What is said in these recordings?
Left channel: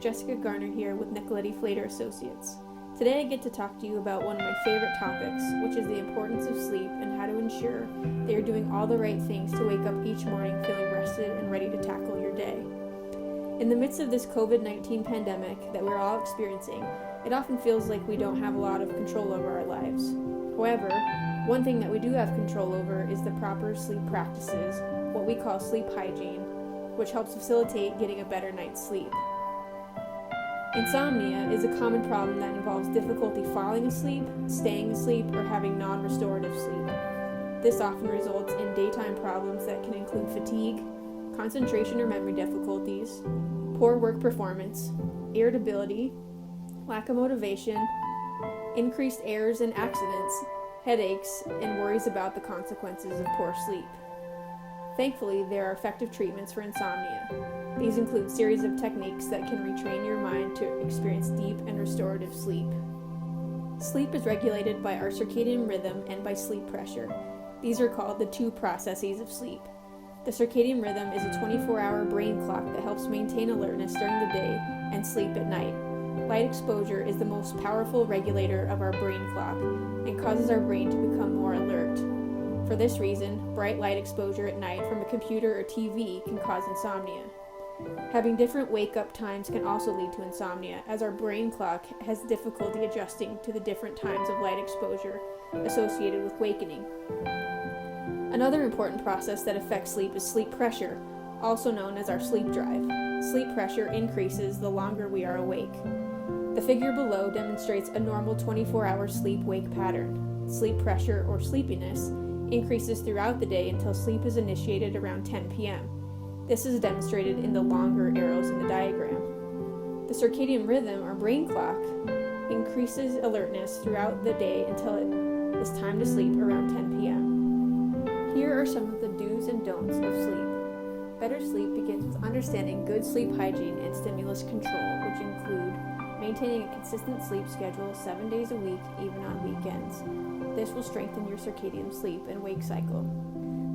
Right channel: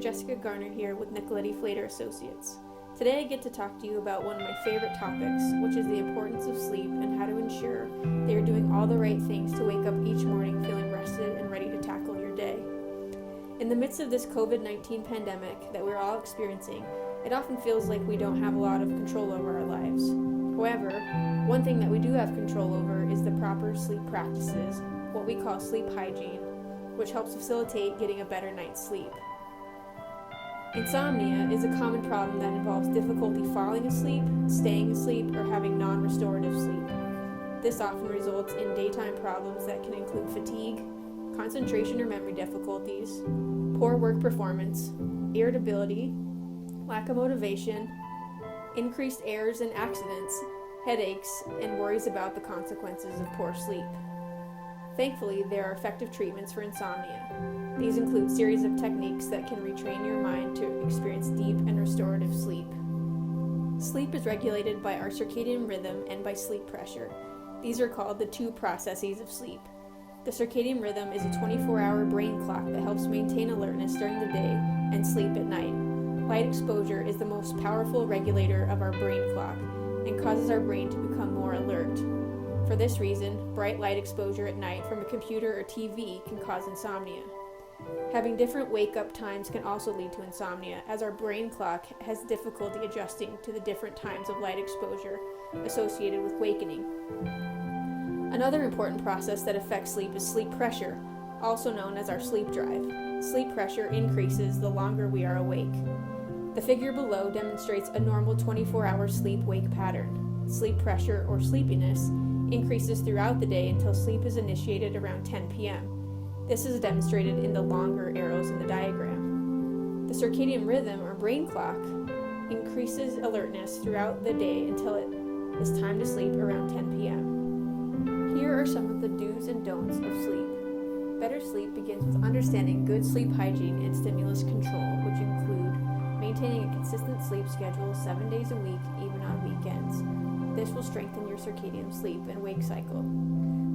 Jessica Garner here with Nicoletti-Flater Associates. Today I get to talk to you about one of my favorite topics, which is the importance of sleep and how to ensure that you're doing all the right things to wake up each morning feeling rested and ready to tackle your day. In the midst of this COVID-19 pandemic that we're all experiencing, it often feels like we don't have a lot of control over our lives. However, one thing that we do have control over is the proper sleep practices, what we call sleep hygiene, which helps facilitate getting a better night's sleep. Insomnia is a common problem that involves difficulty falling asleep, staying asleep, or having non-restorative sleep. This often results in daytime problems that can include fatigue, concentration or memory difficulties, poor work performance, irritability, lack of motivation, increased errors and accidents, headaches, and worries about the consequences of poor sleep. Thankfully, there are effective treatments for insomnia. These include a series of techniques that can retrain your mind to experience deep and restorative sleep. Sleep is regulated by our circadian rhythm and by sleep pressure. These are called the two processes of sleep. The circadian rhythm is a 24-hour brain clock that helps maintain alertness during the day and sleep at night. Light exposure is the most powerful regulator of our brain clock and causes our brain to become more alert. For this reason, bright light exposure at night from a computer or TV can cause insomnia. Having different wake-up times can also lead to insomnia, as our brain clock has difficulty adjusting to the different times of light exposure associated with wakening. Another important process that affects sleep is sleep pressure, also known as our sleep drive. Sleep pressure increases the longer we are awake. The figure below demonstrates a normal 24-hour sleep-wake pattern. Sleep pressure, or sleepiness, increases throughout the day until sleep is initiated around 10 p.m. This is demonstrated in the longer arrows in the diagram. The circadian rhythm, or brain clock, increases alertness throughout the day until it is time to sleep around 10 p.m. Here are some of the do's and don'ts of sleep. Better sleep begins with understanding good sleep hygiene and stimulus control, which include maintaining a consistent sleep schedule 7 days a week, even on weekends. This will strengthen your circadian sleep and wake cycle.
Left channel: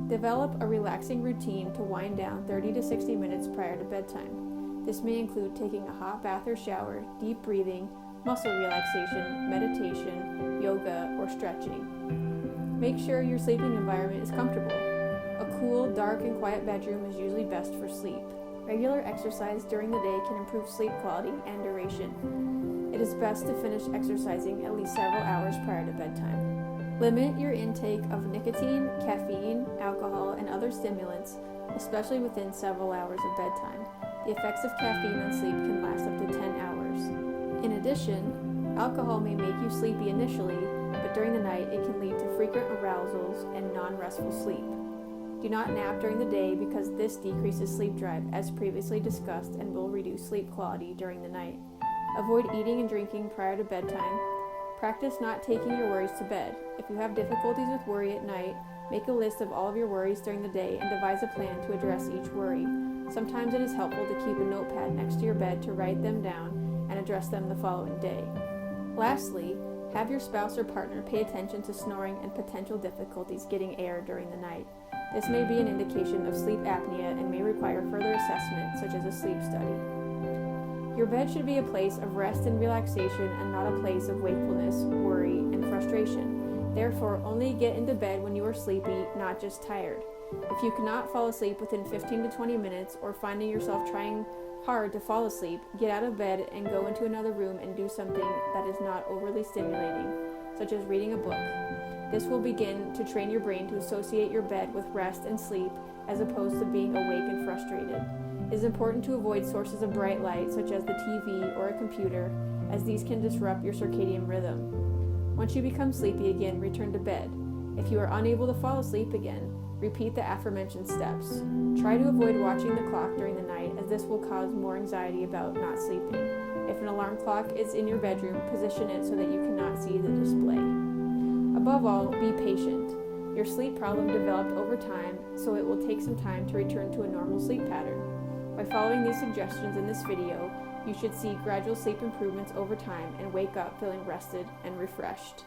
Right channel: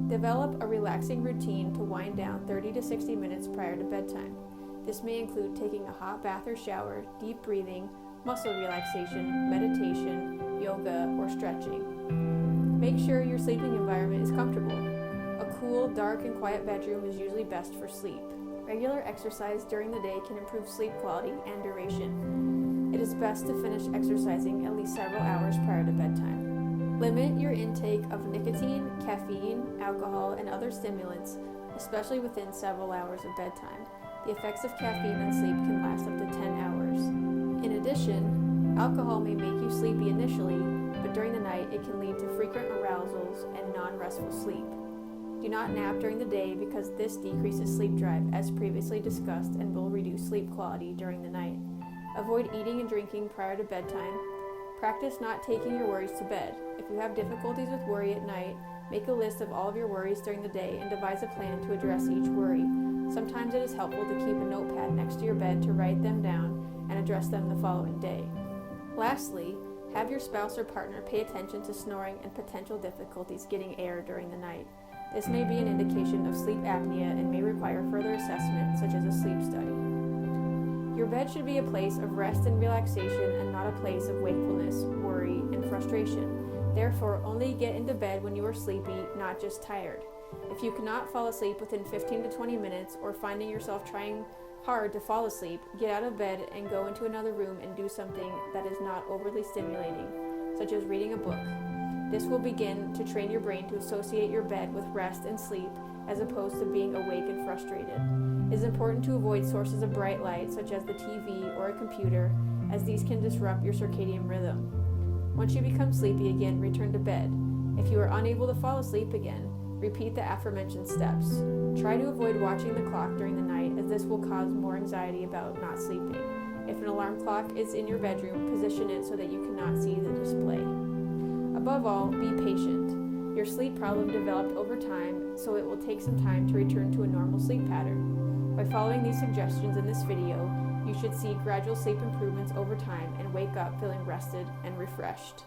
Develop a relaxing routine to wind down 30 to 60 minutes prior to bedtime. This may include taking a hot bath or shower, deep breathing, muscle relaxation, meditation, yoga, or stretching. Make sure your sleeping environment is comfortable. A cool, dark, and quiet bedroom is usually best for sleep. Regular exercise during the day can improve sleep quality and duration. It is best to finish exercising at least several hours prior to bedtime. Limit your intake of nicotine, caffeine, alcohol, and other stimulants, especially within several hours of bedtime. The effects of caffeine on sleep can last up to 10 hours. In addition, alcohol may make you sleepy initially, but during the night it can lead to frequent arousals and non-restful sleep. Do not nap during the day because this decreases sleep drive, as previously discussed, and will reduce sleep quality during the night. Avoid eating and drinking prior to bedtime. Practice not taking your worries to bed. If you have difficulties with worry at night, make a list of all of your worries during the day and devise a plan to address each worry. Sometimes it is helpful to keep a notepad next to your bed to write them down and address them the following day. Lastly, have your spouse or partner pay attention to snoring and potential difficulties getting air during the night. This may be an indication of sleep apnea and may require further assessment, such as a sleep study. Your bed should be a place of rest and relaxation and not a place of wakefulness, worry, and frustration. Therefore, only get into bed when you are sleepy, not just tired. If you cannot fall asleep within 15 to 20 minutes or finding yourself trying hard to fall asleep, get out of bed and go into another room and do something that is not overly stimulating, such as reading a book. This will begin to train your brain to associate your bed with rest and sleep as opposed to being awake and frustrated. It is important to avoid sources of bright light such as the TV or a computer, as these can disrupt your circadian rhythm. Once you become sleepy again, return to bed. If you are unable to fall asleep again, repeat the aforementioned steps. Try to avoid watching the clock during the night, as this will cause more anxiety about not sleeping. If an alarm clock is in your bedroom, position it so that you cannot see the display. Above all, be patient. Your sleep problem developed over time, so it will take some time to return to a normal sleep pattern. By following these suggestions in this video, you should see gradual sleep improvements over time and wake up feeling rested and refreshed.